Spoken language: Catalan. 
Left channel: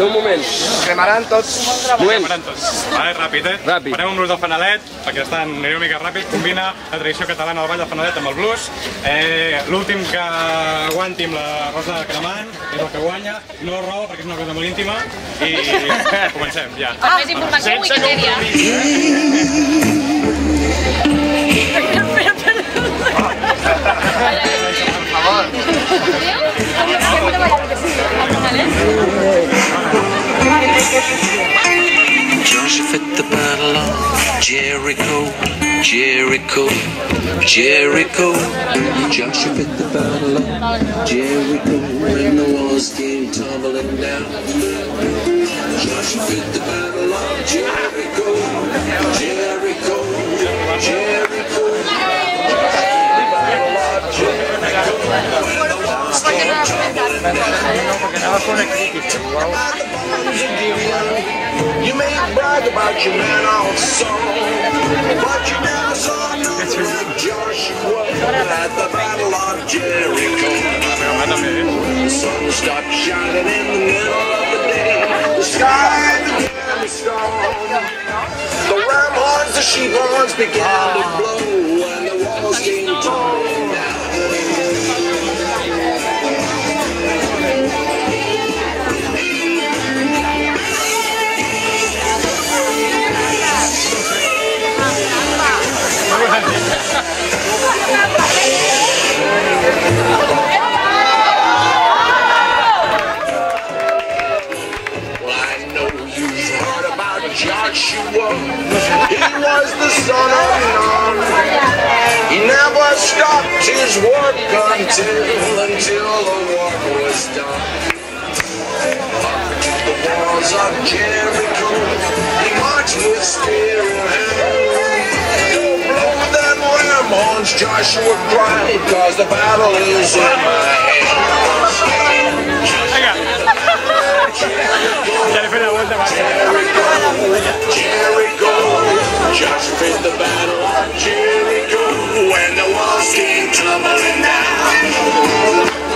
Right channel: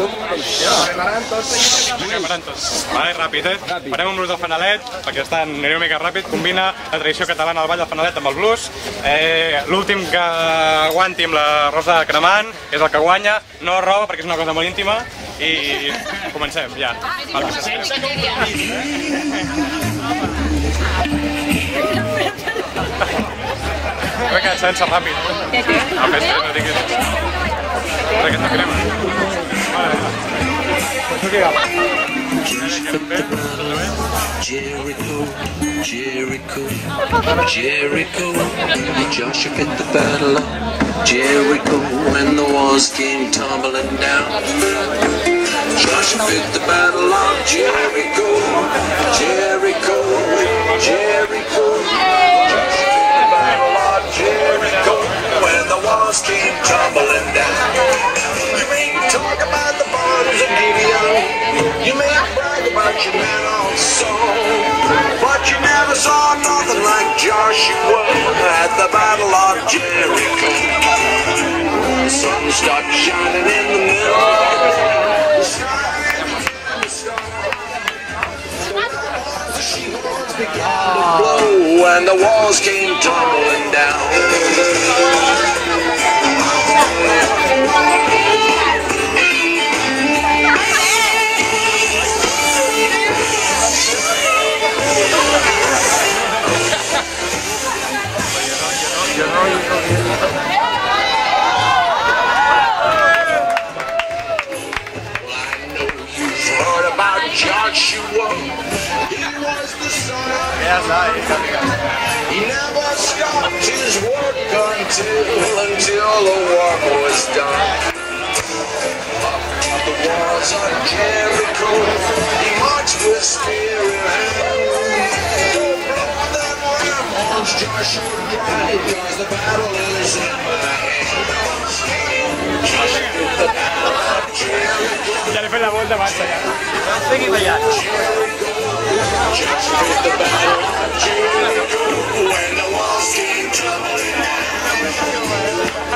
Un moment, remaran tots. Remaran tots. Vale, ràpid, Ràpid. Farem un blues del fanalet, perquè anirem una mica ràpid. Combina la tradició catalana del ball del fanalet amb el blues. L'últim que aguanti amb la rosa cremant és el que guanya. No roba, perquè és una cosa molt íntima. I comencem, ja. Més informació a Wikipedia. Sense ràpid. Joshua at the battle of Jericho, Jericho, Jericho. Joshua at the battle of Jericho when the walls came tumbling down. Joshua at the battle of Jericho, Jericho, Jericho. Jericho, when the walls came tumbling down. You may talk about the bombs of Gibeon, you may brag about your men on song, but you never saw nothing like Joshua at the Battle of Jericho. The sun stopped shining in the middle of the day, the sky began to storm. The ram horns, the sheep horns began to blow, and the walls came tumbling down. Joshua, he was the son of Nun. He never stopped his work until the work was done. Up to the walls of Jericho, he marched with spear in hand. Oh, blow them ram horns, Joshua cried, 'cause the battle is in my hands. Ja li he fet la volta, marxa. Jericho, Joshua fit the battle of Jericho when the walls came tumbling down.